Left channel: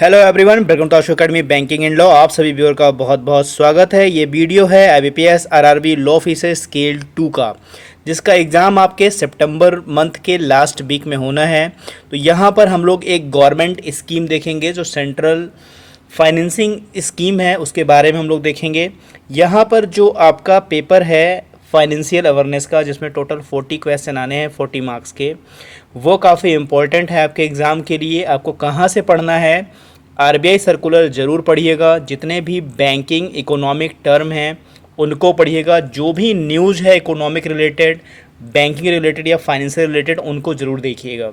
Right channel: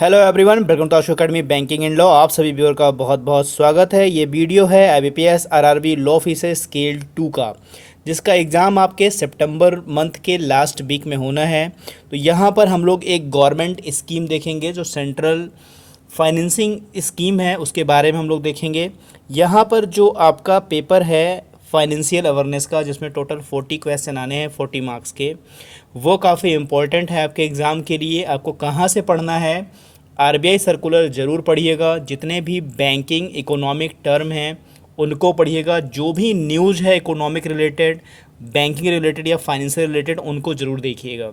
Hello everyone, welcome to Ashu academy banking and law. आप सभी viewer का बहुत बहुत स्वागत है। ये वीडियो है IBPS RRB law officer scale 2 का, जिसका एग्ज़ाम आपके सितंबर मंथ के लास्ट वीक में होना है। तो यहाँ पर हम लोग एक गवर्नमेंट स्कीम देखेंगे जो सेंट्रल फाइनेंसिंग स्कीम है, उसके बारे में हम लोग देखेंगे। यहाँ पर जो आपका पेपर है फाइनेंशियल अवेयरनेस का, जिसमें टोटल 40 क्वेश्चन आने हैं 40 मार्क्स के, वो काफ़ी इम्पोर्टेंट है आपके एग्ज़ाम के लिए। आपको कहाँ से पढ़ना है? RBI सर्कुलर ज़रूर पढ़िएगा, जितने भी बैंकिंग इकोनॉमिक टर्म हैं उनको पढ़िएगा, जो भी न्यूज़ है इकोनॉमिक रिलेटेड, बैंकिंग रिलेटेड या फाइनेंशियल रिलेटेड, उनको ज़रूर देखिएगा।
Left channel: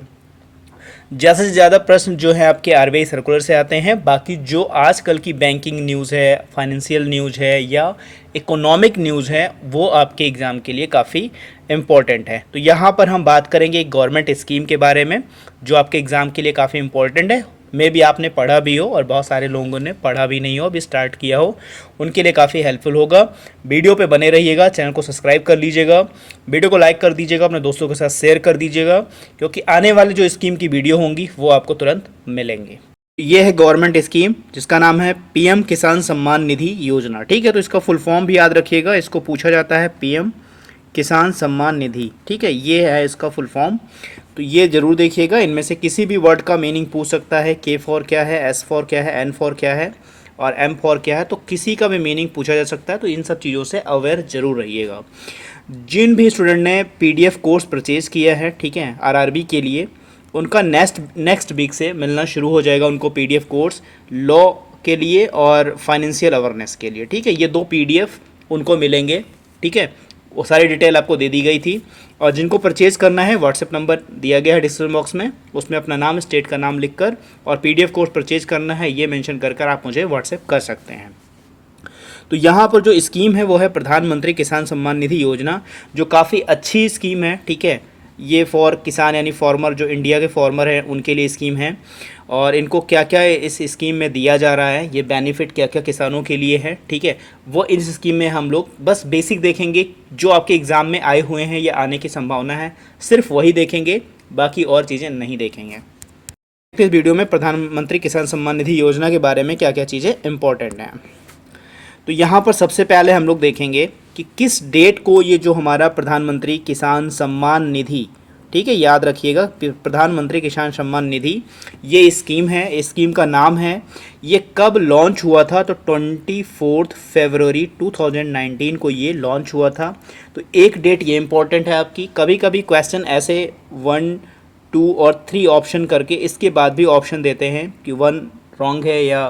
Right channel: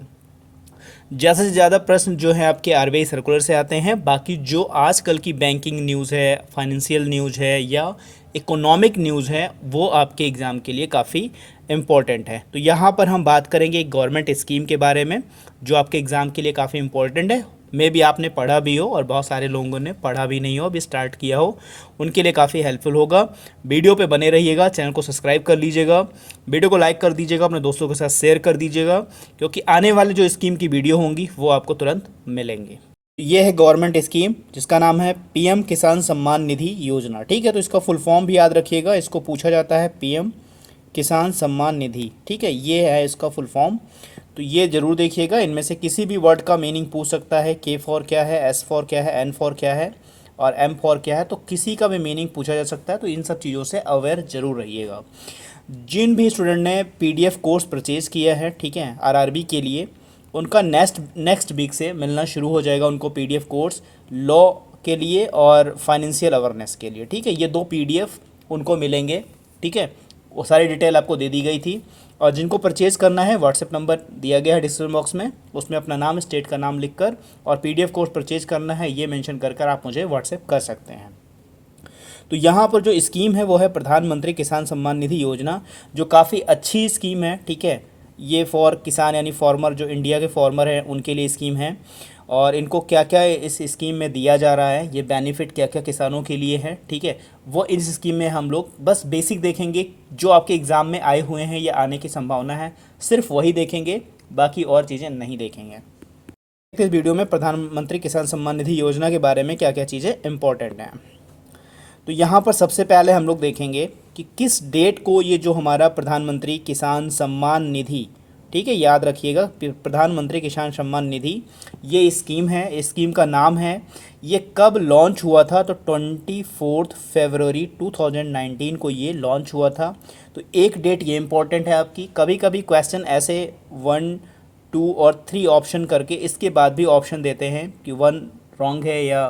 ज़्यादा से ज़्यादा प्रश्न जो है आपके RBI सर्कुलर से आते हैं। बाकी जो आजकल की बैंकिंग न्यूज़ है, फाइनेंशियल न्यूज़ है या इकोनॉमिक न्यूज़ है, वो आपके एग्ज़ाम के लिए काफ़ी इम्पॉर्टेंट है। तो यहाँ पर हम बात करेंगे एक गवर्नमेंट स्कीम के बारे में जो आपके एग्ज़ाम के लिए काफ़ी इम्पॉर्टेंट है। मे भी आपने पढ़ा भी हो और बहुत सारे लोगों ने पढ़ा भी नहीं हो, अभी स्टार्ट किया हो, उनके लिए काफ़ी हेल्पफुल होगा। वीडियो पे बने रहिएगा, चैनल को सब्सक्राइब कर लीजिएगा, वीडियो को लाइक कर दीजिएगा, अपने दोस्तों के साथ शेयर कर दीजिएगा, क्योंकि आने वाली जो स्कीम की वीडियो होंगी वो आपको तुरंत मिलेंगे। ये है गवर्नमेंट स्कीम जिसका नाम है PM किसान सम्मान निधि योजना। ठीक है, तो इसका फुल फॉर्म भी याद रखिएगा, इसको पूछा जाता है PM किसान सम्मान निधि। ठीक है, ये है इसका फुल फॉर्म, तो ये ज़रूर देखिएगा। इनमें से किसी भी वर्ड का मीनिंग पूछ सकता है। K फॉर क्या है, S फॉर क्या है, N फॉर क्या है और M फॉर क्या है, तो किसी का भी मीनिंग पूछा जा सकता है। तो इन सब चीज़ों से अवेयर ज़रूर रहिएगा। जिन भी स्टूडेंट ने PDF कोर्स परचेज़ किया है, ठीक है, RRB के लिए, उनका नेक्स्ट वीक से मिलना शुरू हो जाएगा उनको PDF कोर्स लॉ के लिए और फाइनेंशियल अवेयरनेस के लिए। ठीक है, ये 2 PDF उनको मिलेंगे। ठीक है, वो सारी डिटेल आपको दे दी गई थी। और जिनको परचेज़ करना है, व्हाट्सएप नंबर दिया गया है डिस्क्रिप्शन बॉक्स में, उसमें अपना नाम, स्टेट का नाम लिखकर और PDF कोर्स परचेज़ करना है, ये मेंशन कर आप मुझे व्हाट्सएप कर सकते हैं। तो यहाँ पर जो स्कीम है वो है प्रधानमंत्री किसान सम्मान निधि योजना, जो काफ़ी अच्छी स्कीम है। ठीक है, ये फॉर किसान यानी फार्मर, जो इंडिया के फार्मर हैं उनके लिए स्कीम है। और इनको क्या क्या इस स्कीम में दिया जा रहा है, ये बेनिफिट क्या क्या किसानों के लिए है, ठीक है, वो इस स्कीम में हम लोग बस बेसिक देखेंगे। जो आपके एग्ज़ाम में आए हुए हैं या आने की संभावना है, सिर्फ वही देखेंगे, बाकी और चीज़ें नहीं देखेंगे। इस वीडियो में प्रधानमंत्री किसान सम्मान निधि योजना के बारे में क्या क्या चीज़ें इंपॉर्टेंट हैं। तो यहाँ पर सबसे पहले हम लोग देखेंगे कि किस डेट को ये जो हमारा प्रधानमंत्री किसान सम्मान निधि, ठीक है, याद रखिएगा, प्रधानमंत्री किसान सम्मान निधि ये स्कीम है, इस स्कीम का नाम है। ये कब लॉन्च हुआ था? तो 24 फरवरी 2019 को ये लॉन्च हुआ था। तो एक डेट ये इंपॉर्टेंट है आपकी। कभी कभी क्वेश्चन ऐसे 1, 2 और 3 ऑप्शन करके इसके बाद भी ऑप्शन देते हैं कि 1 रॉन्ग है या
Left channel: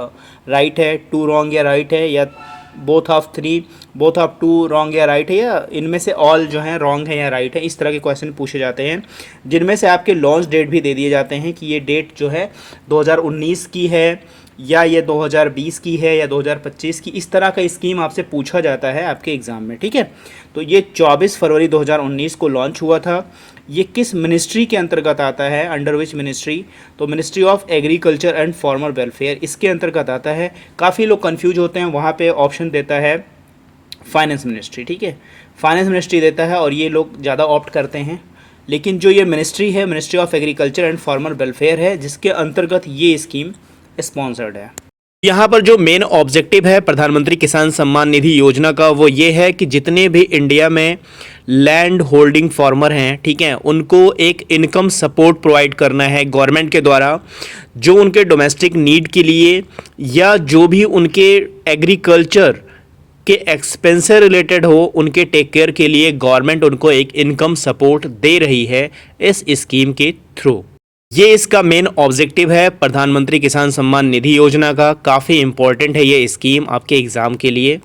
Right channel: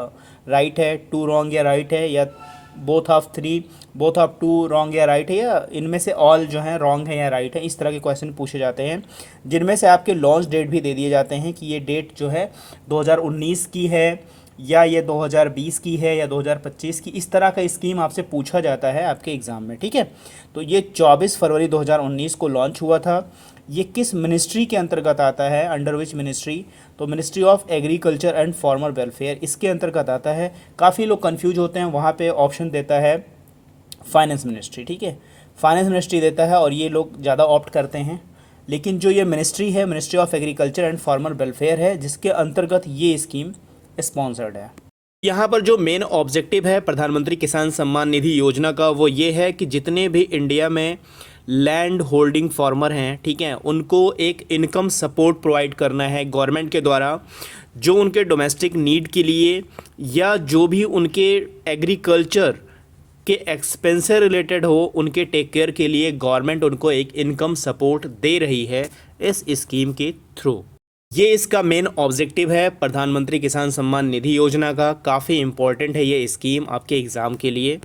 राइट है, 2 रॉन्ग या राइट है, या both of 3, both of 2 wrong या राइट है, या इनमें से ऑल जो है रॉन्ग है या राइट है। इस तरह के क्वेश्चन पूछे जाते हैं, जिनमें से आपके लॉन्च डेट भी दे दिए जाते हैं कि ये डेट जो है 2019 की है या ये 2020 की है या 2025 की। इस तरह का स्कीम आपसे पूछा जाता है आपके एग्ज़ाम में। ठीक है, तो ये 24 फरवरी 2019 को लॉन्च हुआ था। ये किस मिनिस्ट्री के अंतर्गत आता है? Under which ministry? तो ministry of agriculture and farmer welfare, इसके अंतर्गत आता है। काफ़ी लोग कंफ्यूज होते हैं, वहाँ पे ऑप्शन देता है फाइनेंस मिनिस्ट्री। ठीक है, फाइनेंस मिनिस्ट्री देता है और ये लोग ज़्यादा ऑप्ट करते हैं। लेकिन जो ये मिनिस्ट्री है, ministry of agriculture and farmer welfare है, जिसके अंतर्गत ये स्कीम स्पॉन्सर्ड है। यहाँ पर जो मेन ऑब्जेक्टिव है प्रधानमंत्री किसान सम्मान निधि योजना का, वो ये है कि जितने भी इंडिया में लैंड होल्डिंग फार्मर हैं, ठीक है, उनको एक इनकम सपोर्ट प्रोवाइड करना है गवर्नमेंट के द्वारा, जो उनके डोमेस्टिक नीड के लिए या जो भी उनके एग्रीकल्चर के एक्सपेंस से रिलेटेड हो, उनके टेक केयर के लिए गवर्नमेंट उनको एक इनकम सपोर्ट दे रही है इस स्कीम के थ्रू। ये इसका मेन ऑब्जेक्टिव है प्रधानमंत्री किसान सम्मान निधि योजना का। काफ़ी इंपॉर्टेंट है ये स्कीम आपके एग्ज़ाम के लिए।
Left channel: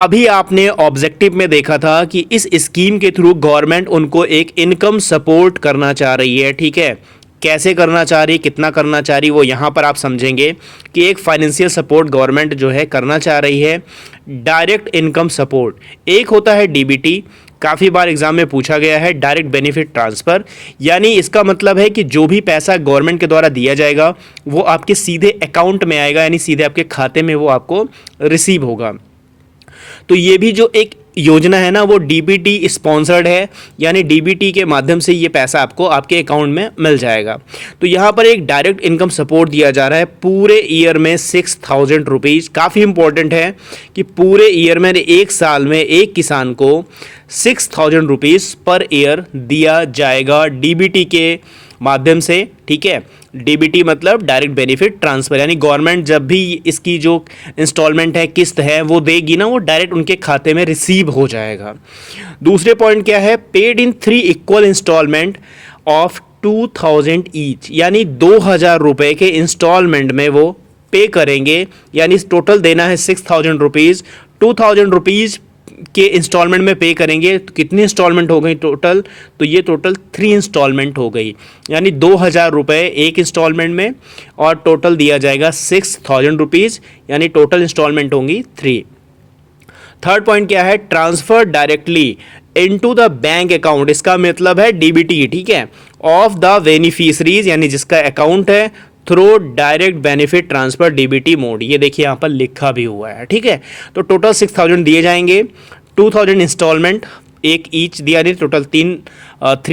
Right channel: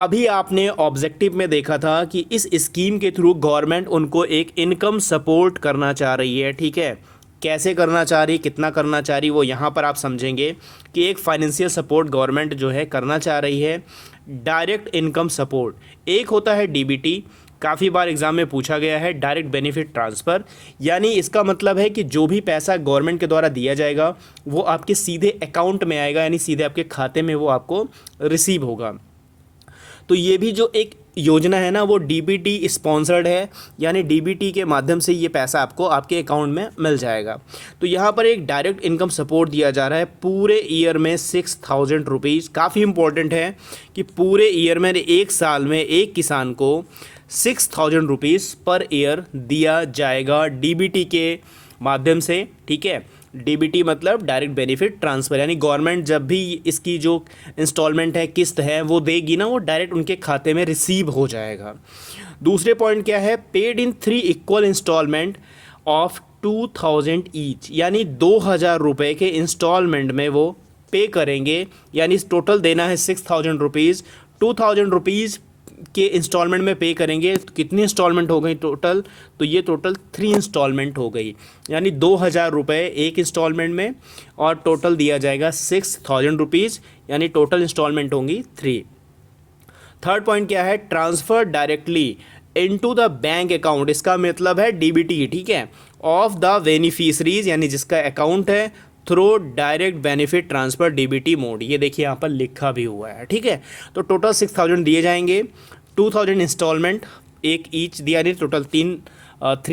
अभी आपने ऑब्जेक्टिव में देखा था कि इस स्कीम के थ्रू गवर्नमेंट उनको एक इनकम सपोर्ट करना चाह रही है। ठीक है, कैसे करना चाह रही, कितना करना चाह रही, वो यहाँ पर आप समझेंगे कि एक फाइनेंशियल सपोर्ट गवर्नमेंट जो है करना चाह रही है। डायरेक्ट इनकम सपोर्ट एक होता है DBT, काफ़ी बार एग्जाम में पूछा गया है, डायरेक्ट बेनिफिट ट्रांसफ़र, यानी इसका मतलब है कि जो भी पैसा गवर्नमेंट के द्वारा दिया जाएगा वो आपके सीधे अकाउंट में आएगा, यानी सीधे आपके खाते में वो आपको रिसीव होगा। तो ये भी जो एक योजना है ना वो डीबीटी स्पॉन्सर्ड है, यानी डीबीटी के माध्यम से ये पैसा आपको आपके अकाउंट में मिल जाएगा। तो यहाँ पर एक डायरेक्ट इनकम सपोर्ट दिया जा रहा है पूरे ईयर में 6,000 रुपीज़। काफ़ी इंपॉर्टेंट है कि पूरे ईयर में, एक साल में एक किसान को 6,000 रुपीज़ पर ईयर दिया जाएगा डीबीटी के माध्यम से। ठीक है, डीबीटी मतलब डायरेक्ट बेनिफिट ट्रांसफ़र, यानी गवर्नमेंट जब भी इसकी जो इंस्टॉलमेंट है, किस्त है, वो देगी ना, वो डायरेक्ट उनके खाते में रिसीव हो जाएगा। दूसरे पॉइंट क्या है, paid in 3 equal instalment of 2,000 each, यानी 2,000 रुपये के इंस्टॉलमेंट में वो पे करेंगे, यानी टोटल देना है 6,000 रुपीज़, 2,000 रुपीज़ के इंस्टॉलमेंट में पे करेंगे। तो कितनी इंस्टॉलमेंट हो गई टोटल, तो ये टोटल 3 इंस्टॉलमेंट हो गई, यानी 2,000 रुपये एक इंस्टॉलमेंट में, और टोटल दिया जाएगा 6,000 रुपीज़, यानी टोटल इंस्टॉलमेंट होंगी 3। थर्ड पॉइंट क्या है, transfer directly into the bank account, इसका मतलब है डीबीटी, ठीक है, ऑफ द बेनिफिशरीज, यानी जिसका अकाउंट है, through direct benefit transfer DBT mode. ये देखिए यहाँ पर लिखा भी हुआ है। ठीक है, तो टोटल 6,000 दिए जाएंगे, 2,000 इंस्टॉलमेंट एक ईच दिया जाए, टोटल 3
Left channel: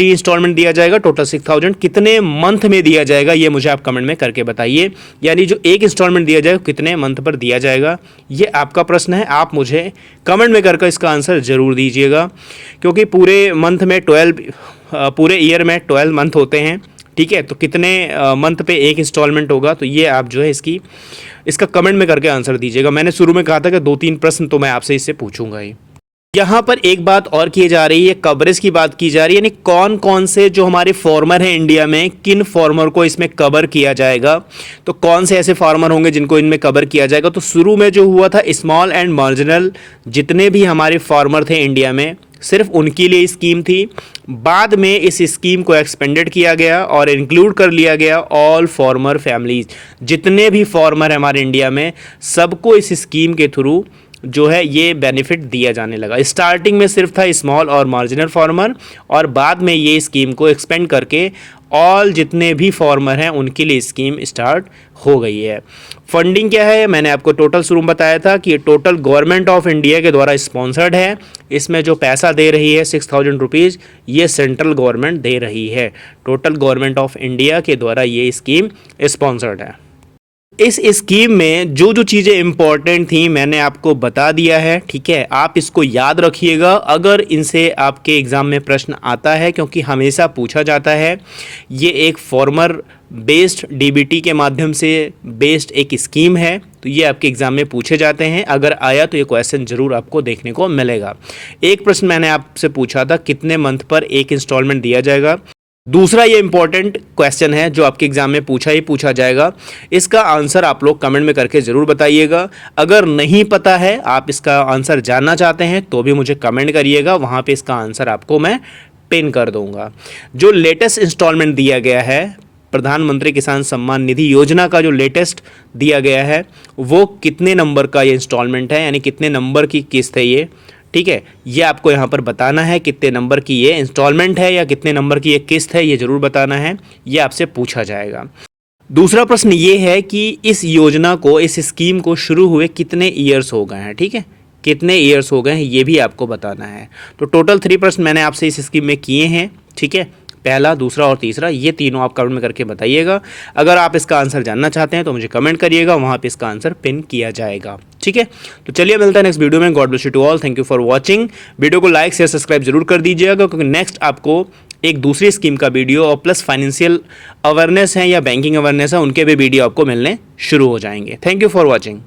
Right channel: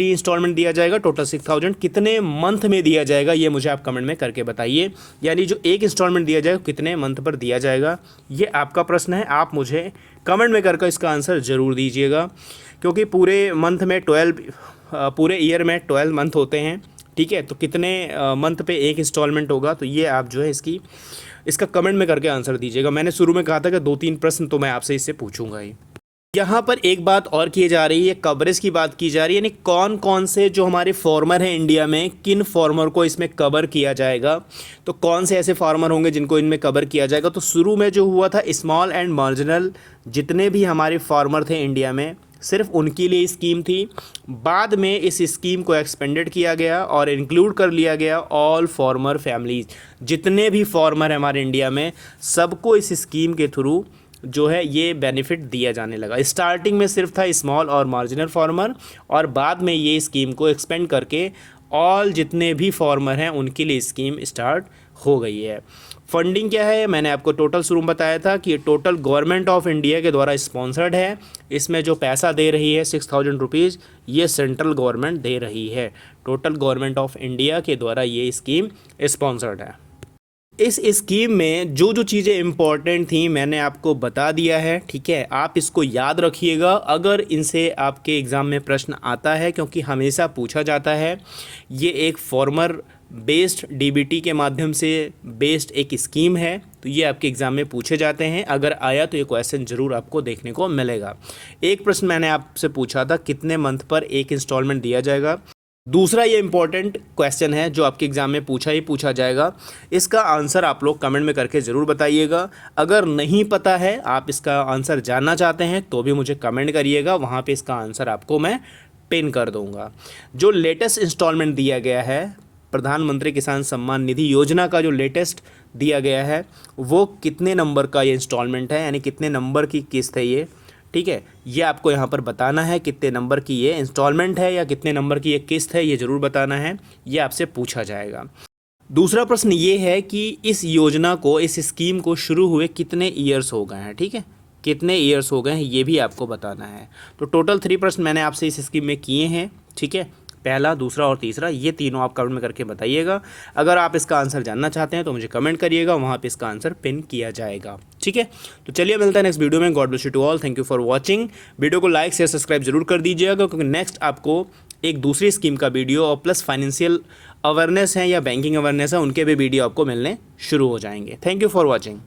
इंस्टॉलमेंट दिया जाएगा, टोटल 6,000। कितने मंथ में दिया जाएगा ये मुझे आप कमेंट में करके बताइए, यानी जो एक इंस्टॉलमेंट दिया जाएगा कितने मंथ पर दिया जाएगा, ये आपका प्रश्न है। आप मुझे कमेंट में करके इसका आंसर ज़रूर दीजिएगा, क्योंकि पूरे मंथ में 12 पूरे ईयर में 12 मंथ होते हैं। ठीक है, तो कितने मंथ पे एक इंस्टॉलमेंट होगा, तो ये आप जो है इसका कमेंट में करके आंसर दीजिएगा। मैंने शुरू में कहा था कि 2-3 प्रश्न तो मैं आपसे इससे पूछूंगा ही। यहाँ पर एक बात और की जा रही है, कवरेज की बात की जा रही है, यानी कौन कौन से जो हमारे फार्मर हैं इंडिया में, किन फार्मर को इसमें कवर किया जाएगा, तो कौन से ऐसे फार्मर होंगे जिनको इनमें कवर किया जाएगा। तो शुरू में जो हुआ था, स्मॉल एंड मार्जिनल जितने भी हमारे फार्मर थे इंडिया में, सिर्फ उनके लिए स्कीम थी। बाद में इस स्कीम को एक्सपेंडेड किया गया और इंक्लूड कर लिया गया ऑल फार्मर फैमिलीज, जितने भी फार्मर हैं हमारे इंडिया में, सबको इस स्कीम के थ्रू जो है ये बेनिफिट दिया जाने लगा। स्टार्टिंग में सिर्फ था स्मॉल और मार्जिनल फार्मर, और बाद में ये स्कीम को एक्सपेंड करके ऑल जितने भी फार्मर हैं उनके लिए स्कीम स्टार्ट हो गई है। फंडिंग क्या है, मैंने आपको टोटल शुरू में बताया था कि ये टोटल गवर्नमेंट ऑफ इंडिया के द्वारा स्पॉन्सर्ड है। इसमें जो पैसा दे रही है 6,000 रुपीज़, ये सेंट्रल गवर्नमेंट दे रही है। टोटल गवर्नमेंट ऑफ इंडिया के द्वारा ये स्कीम स्पॉन्सर्ड है। इस स्कीम में जो जो चीज़ें इंपॉर्टेंट थी मैंने आपको बता दिया है। ठीक है, आप इसको याद रखिएगा, अगर इनसे आपके एग्ज़ाम में प्रश्न आता है, क्योंकि हमेशा पूछा जाता है। ये एक फार्मर बेस्ड डीबीटी के माध्यम से बेस्ड एक स्कीम है, तो ये आपके एग्ज़ाम में पूछे जाते हैं। अगर आया तो ये क्वेश्चन ज़रूर आपको देखने को मिलेगा। एक प्रश्न मैंने आपसे पूछा था, कितने मंथ पर एक इंस्टॉलमेंट दिया जाएगा। दूसरा ये इंपॉर्टेंट क्वेश्चन है जो आपके एग्जाम में पूछा जाएगा। इसका आंसर आप लोग कमेंट में करके ज़रूर बताइएगा। अगर नहीं पता है, आप इसका आंसर जानना चाहते हैं, तो भी मुझे कमेंट करिएगा, वहाँ पे इसका आंसर आपको मैं पिन कर दूंगा। जो लेटेस्ट इंस्टॉलमेंट दिया गया है, प्रधानमंत्री किसान सम्मान निधि योजना का जो लेटेस्ट दिया गया है, वो कितने नंबर का ये इंस्टॉलमेंट है, यानी कितने नंबर की किस्त है ये। ठीक है, ये आपको यहाँ पर बताना है कितने नंबर की ये इंस्टॉलमेंट है या कितने नंबर की ये किस्त है, ये ज़रूर बताना है, ये आपसे पूछा जाएगा। दूसरा प्रश्न ये है कि इस योजना को, इस स्कीम को शुरू हुए कितने ईयर्स हो गए हैं। ठीक है, कितने ईयर्स हो गए हैं ये भी आपको बताना है। तो टोटल 3 प्रश्न मैंने आपसे इस स्कीम में किए हैं। ठीक है, पहला, दूसरा और तीसरा, ये तीनों आप कमेंट में करके बताइएगा। अगर आप इसका आंसर जानना चाहते हैं तो मुझे कमेंट करिएगा, वहाँ पे इसका आंसर पिन किया जाएगा। ठीक है, तो चलिए मिलता है नेक्स्ट वीडियो में। God bless you to all, thank you for watching. Video को लाइक शेयर सब्सक्राइब जरूर कर दीजिएगा, क्योंकि नेक्स्ट आपको एक दूसरी स्कीम का वीडियो और प्लस फाइनेंशियल अवेयरनेस है या बैंकिंग अवेयरनेस है, उनके भी वीडियो आपको मिलने शुरू हो जाएंगे। Thank you for watching.